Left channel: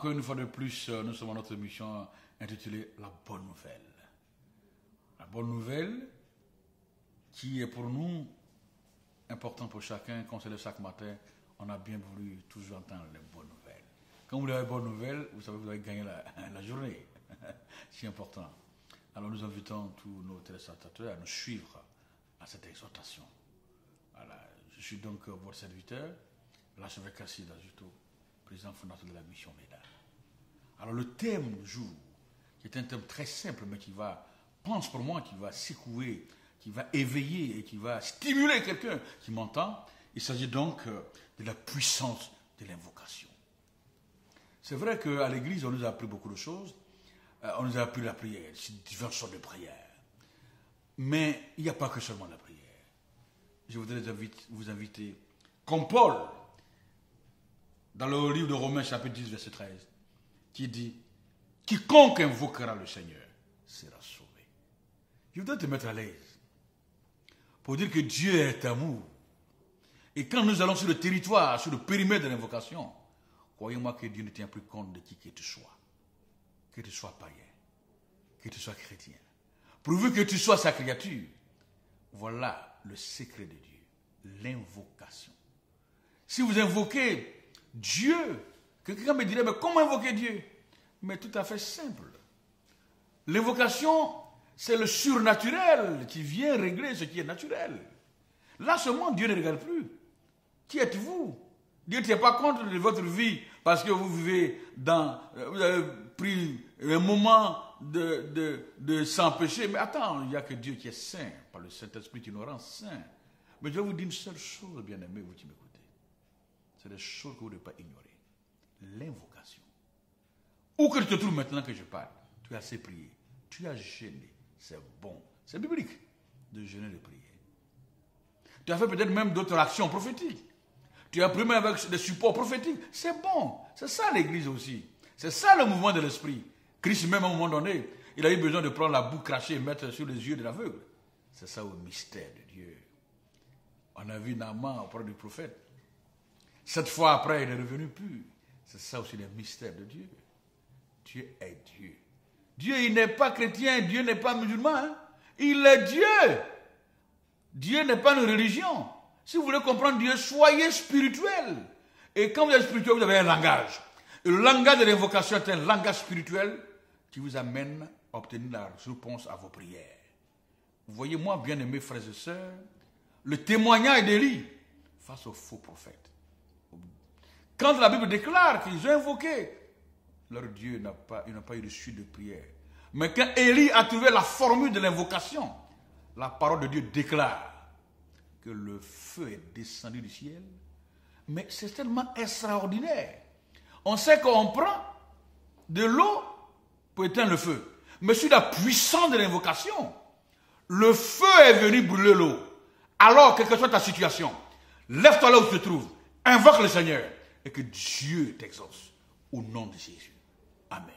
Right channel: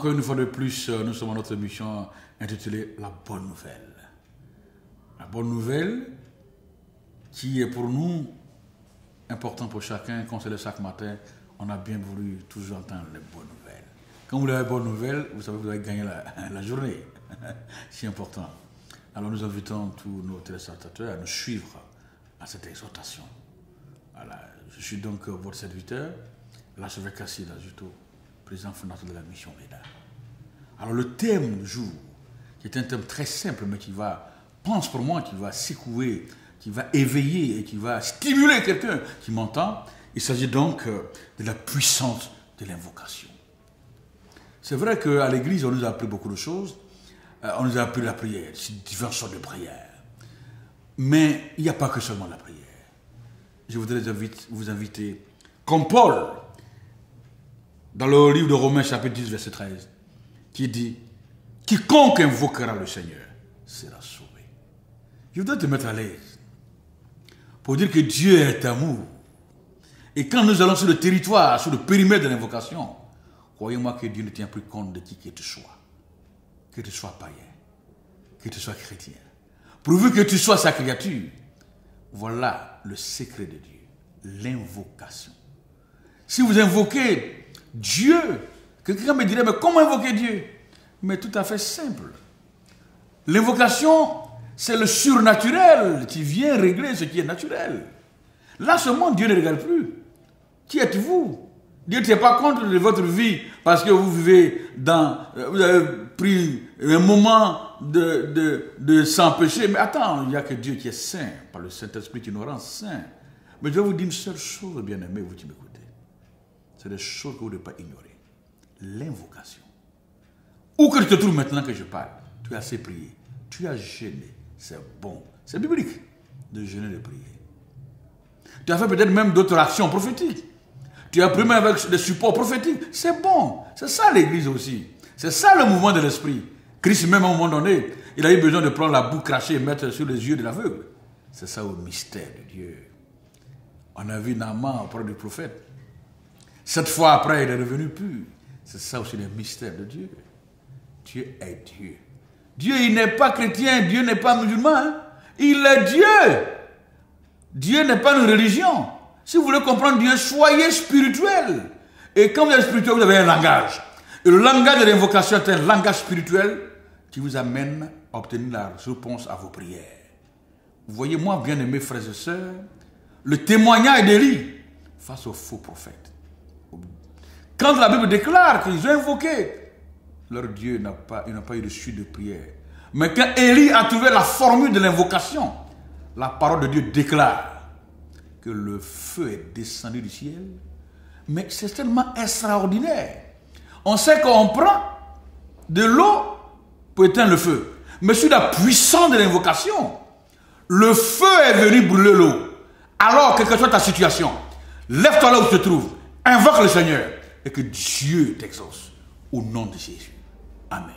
Encore une fois de plus, nous sommes à notre émission intitulée La Bonne Nouvelle. La Bonne Nouvelle qui est pour nous important pour chacun. Quand c'est le chaque matin, on a bien voulu toujours entendre les bonnes nouvelles. Quand vous avez les bonnes nouvelles, vous savez que vous avez gagné la journée. C'est important. Alors nous invitons tous nos téléspectateurs à nous suivre à cette exhortation. Voilà. Je suis donc votre serviteur, l'archevêque Cassile Ajuto, président fondateur de la mission MEDA. Alors le thème du jour, qui est un thème très simple, mais qui va, pense pour moi, qui va secouer, qui va éveiller et qui va stimuler quelqu'un qui m'entend. Il s'agit donc de la puissance de l'invocation. C'est vrai qu'à l'église, on nous a appris beaucoup de choses. On nous a appris la prière, diverses sortes de prières. Mais il n'y a pas que seulement la prière. Je voudrais vous inviter, comme Paul, dans le livre de Romains, chapitre 10, verset 13, qui dit « Quiconque invoquera le Seigneur sera sauvé ». Je voudrais te mettre à l'aise pour dire que Dieu est amour. Et quand nous allons sur le territoire, sur le périmètre de l'invocation, croyez-moi que Dieu ne tient plus compte de qui que tu sois. Que tu sois païen, que tu sois chrétien. Pourvu que tu sois sa créature, voilà le secret de Dieu, l'invocation. Si vous invoquez Dieu, quelqu'un me dirait, mais comment invoquer Dieu? Mais tout à fait simple. L'invocation, c'est le surnaturel qui vient régler ce qui est naturel. Là seulement, Dieu ne regarde plus. Qui êtes-vous? Dieu ne tient pas compte de votre vie parce que vous vivez dans... Vous avez pris un moment de sans péché. Mais attends, il n'y a que Dieu qui est saint, par le Saint-Esprit qui nous rend saints. Mais je vais vous dire une seule chose, bien-aimés, vous qui m'écoutez. C'est des choses que vous ne devez pas ignorer. L'invocation. Où que tu te trouves maintenant que je parle, tu as assez prié, tu as jeûné. C'est bon. C'est biblique de jeûner et de prier. Tu as fait peut-être même d'autres actions prophétiques. Tu as pris même avec des supports prophétiques. C'est bon. C'est ça l'église aussi. C'est ça le mouvement de l'esprit. Christ même à un moment donné, il a eu besoin de prendre la boue crachée et mettre sur les yeux de l'aveugle. C'est ça le mystère de Dieu. On a vu Naaman auprès du prophète. 7 fois après, il est revenu pur. C'est ça aussi le mystère de Dieu. Dieu est Dieu. Dieu, il n'est pas chrétien, Dieu n'est pas musulman. Hein? Il est Dieu. Dieu n'est pas une religion. Si vous voulez comprendre Dieu, soyez spirituel. Et quand vous êtes spirituel, vous avez un langage. Et le langage de l'invocation est un langage spirituel qui vous amène à obtenir la réponse à vos prières. Vous voyez, moi, bien aimés frères et sœurs, le témoignage d'Élie face aux faux prophètes. Quand la Bible déclare qu'ils ont invoqué, leur Dieu n'a pas eu de suite de prière. Mais quand Élie a trouvé la formule de l'invocation, la parole de Dieu déclare que le feu est descendu du ciel. Mais c'est tellement extraordinaire. On sait qu'on prend de l'eau pour éteindre le feu. Mais sur la puissance de l'invocation, le feu est venu brûler l'eau. Alors, quelle que soit ta situation, lève-toi là où tu te trouves, invoque le Seigneur et que Dieu t'exauce au nom de Jésus. Amen.